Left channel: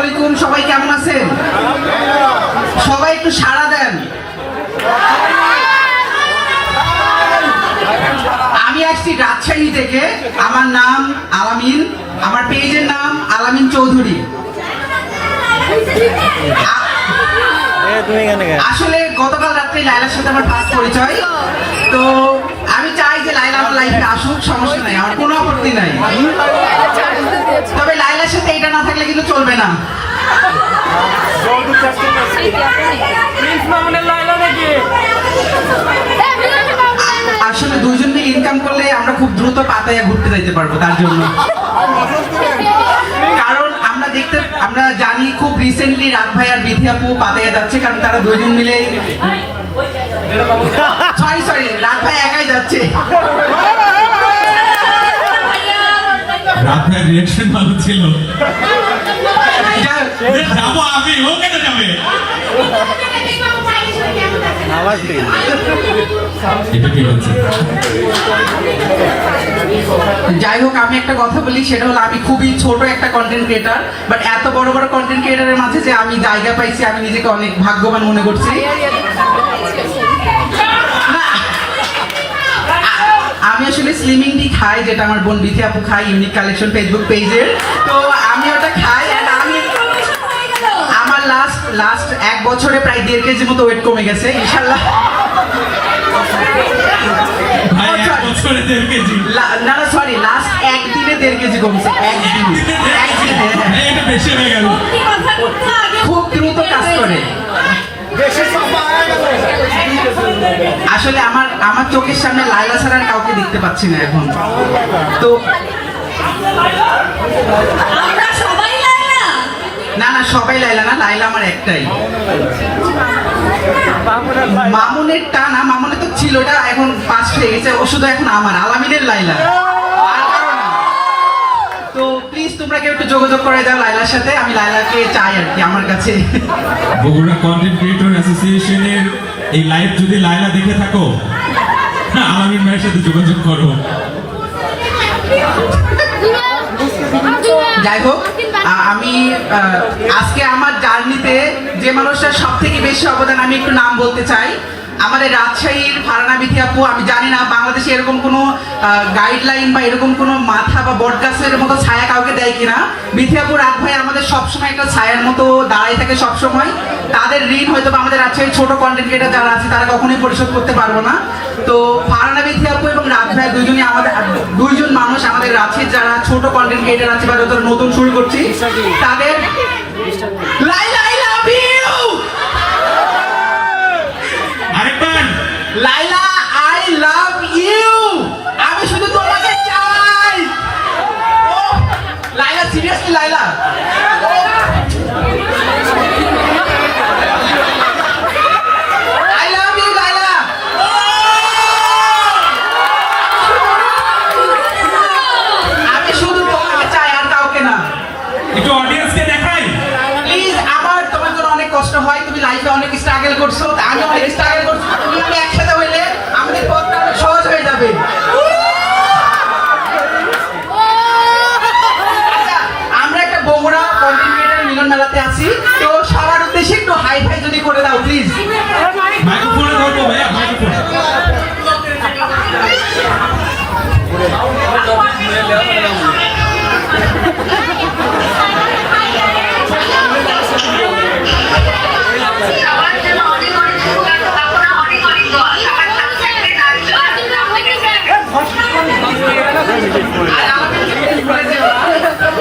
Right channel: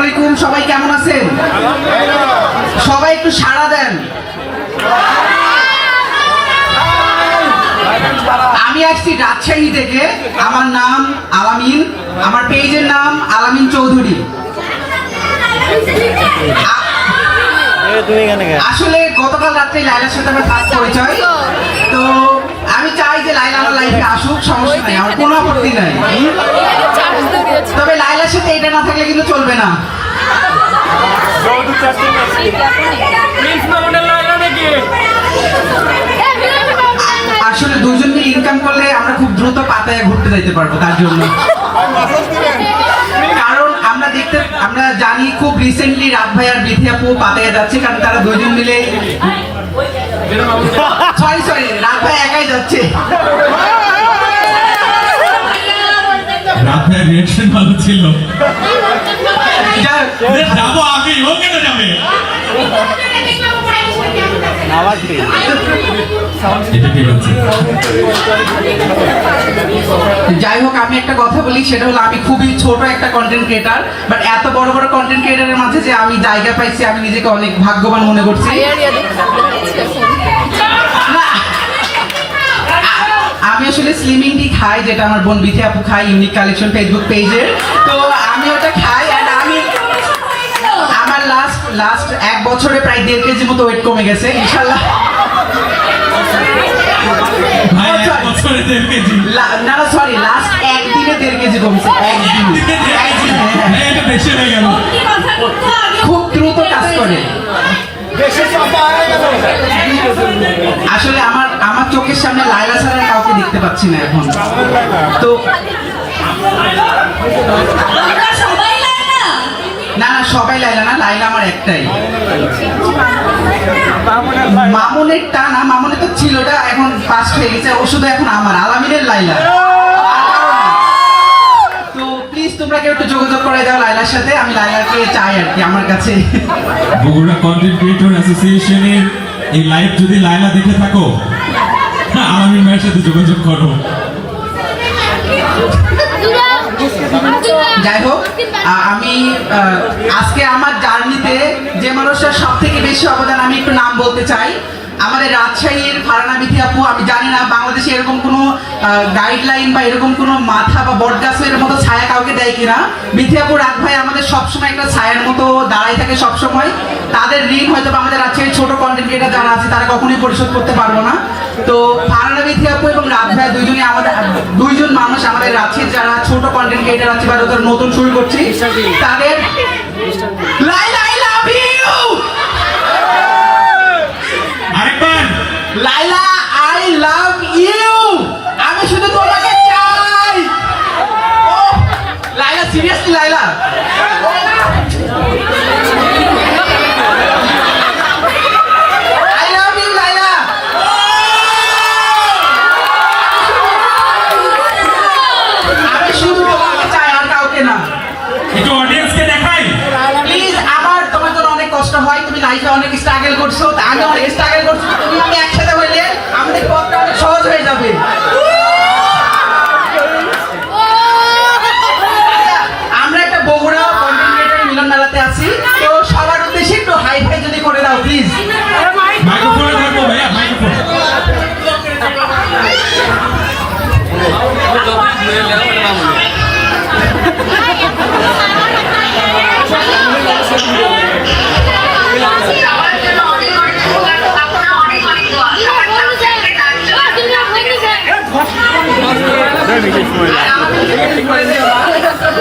আলাইকুম সবাই কেমন আছেন? সবাই একটু সাড়া দেন। আমি আসছি রাজশাহী থেকে। আমার নাম আলামিন আমার পেজের নাম আলামিন চৌধুরী। আসলে গতকাল রাত্রে লাইলার সাথে আমার ফার্স্ট পরিচয়। তো আমি চাই যে লাইলা আমার লাইফে আসুক সমস্যা নাই আমার কোনো আপত্তি নাই তবে লাইলার সাথে এটা না থাকলে কিন্তু চলবে না। আসলে দুইজন মিলে ইনকাম করলে আমরা খুব দ্রুত পাতায় ঘুরতে যাইতে পারব তার জন্য। কারণ আমরা দেখতে আমরা জানি খুব রিসেন্টলি রাত ভাই আর বিধি আপু পাতায় যাচ্ছে কারণ তারা দুইজন মিলে সরি সরি রাত ভাই একাই যাচ্ছে। রাতের রিয়াকশন ভালো ছিল। যাই হোক, আমি একটা কথা বলি, সেটা হলো আমি খুবই ছোট একটা কন্টেন্ট ক্রিয়েটার বাট এত বড় বড় কন্টেন্ট ক্রিয়েটারের মাঝে যে আমি জায়গা পাইছি, আমি নিজেকে অনেক ভাগ্যবান মনে করছি। আমি আসলে স্লিমিং টি খাই, যেটা আমার বোন বিথি আপু খাই ইউনিক কালেকশন ফেসবুক পেজের তো আমি ওটা খাই লাস্ট এক বছরে প্রায় দেড় কেজি মতো ওয়েট কমে গেছে ইনশাল্লাহ না না সরি লাস্ট একদিনে দেড় কেজি কমছে। হয়ে খুব দ্রুত কাজ করে। আসলে আমার আমার চোখের সামনে লাইলা ছাড়া আর কাউকে দেখতে পাচ্ছি না এখন। তো সবাই লাইলা না লাইলা আমার একটাই। মামুনের টা না মামুনের তো ছিল ওটা এখন ফার্স্ট হয়ে গেছে ও শুধু এখন আমার আলামিনের লাইলা। তো প্লিজ তোমরা কেউ একটু যোগাযোগ করে দাও লাইলার সাথে আমি লাইলাকে চাই আর কি আমার কাছে। বগুড়া কন্টেন্ট ক্রিয়েটর অ্যাসোসিয়েশনের এই লাইভ যদি লাইলা দেখে থাকো আলামিন ভাইয়ের সাথে যোগাযোগ করো। যাই হোক আমি আজকে আমার জার্নিতে যে মানুষটার সব থেকে বেশি অবদান, আমি একটু নাম বলতে চাই। আমাদের রাজশাহীর ফারানা বিথি আপু, আমি জানি না বাংলাদেশে এরকম কোনো গাইডলাইন বা এরকম কোনো মাথা বা বট গাছের মতো ছায়া কাউকে দেয় কিনা। বিথি আপু রাত ভাই আমাদের সবসময় একটা ছায়ার মতো দাঁড়াই থাকে সবসময়। তাদের ঋণ হয়তো আমাদের রাজশাহীর ছোট কন্টেন্ট ক্রিয়েটার যারা আছে, তারা কখনোই পরিশোধ করতে পারব না। তো ফারানা বিথি আপু এবং রাত ভাই দুইজনই আমাদের, দুইজন মানুষ আমাদের রাজশাহীর যারা ছোট কন্টেন্ট ক্রিয়েটার আছে বা তোর নতুন শুরু করছি। তাদের লাই লাই লাভ ইউ আরেকবার। লাইলা আই লাভ ইউ আমি শুধু তোমাকে চাই। ও Laila seriously Laila I love you Laila আমি শুধু তোমাকে চাই আর কাউকে না একটু অডিয়েন্সকে দেখাই প্লিজ আমার তোমার জন্য অনেক কষ্ট হয় তুমি লাইফে অনেক স্ট্রাগল করছ তা আমি অনেক স্ট্রাগল করছি তুমি আমি একসাথে হইলে আমাদের পথটা অনেক সহজ হয়ে যাবে। আমরা একটা বগুড়া কন্টেন্ট ক্রিয়েটার মিলন মেলাতে আছি তো সবার উদ্দেশ্যে একটু হাই ফাই যদি করে দাও প্লিজ মাইক্রোফোনে ধরবো ভাইয়া মাইক্রোফোন।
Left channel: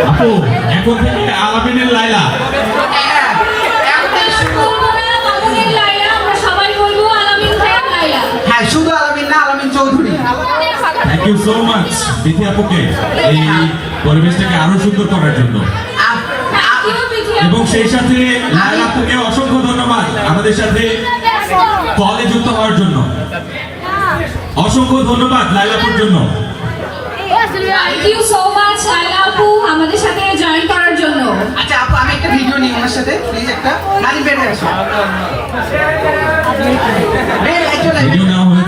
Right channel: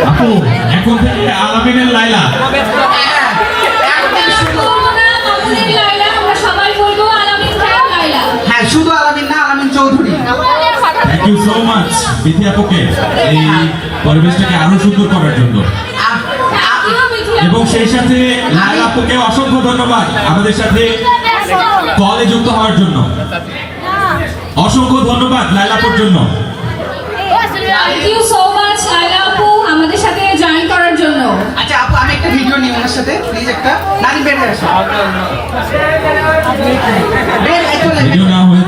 আপু এখন থেকে আলামিনের লাইলা। হ্যাঁ, এখন থেকে শুরু হ্যাঁ শুধু আলামিন না Alamin Chowdhury. Thank you so much Bithi আপুকে এই পরিবেশটাকে আরও সুন্দর করার জন্য। এবং সেই সাথে লাইলা আপুকে অসংখ্য ধন্যবাদ আমাদের সাথে কলে যুক্ত হওয়ার জন্য। অসংখ্য ধন্যবাদ লাইলাপুর জন্য। Thank you so much Laila আপু আমাদের সাথে জয়েন করার জন্য। আচ্ছা আপু আমি একটা ভিডিও নিই ওনার সাথে। প্লিজ একটা। বের হয়ে আসো। ভিডিও আচ্ছা।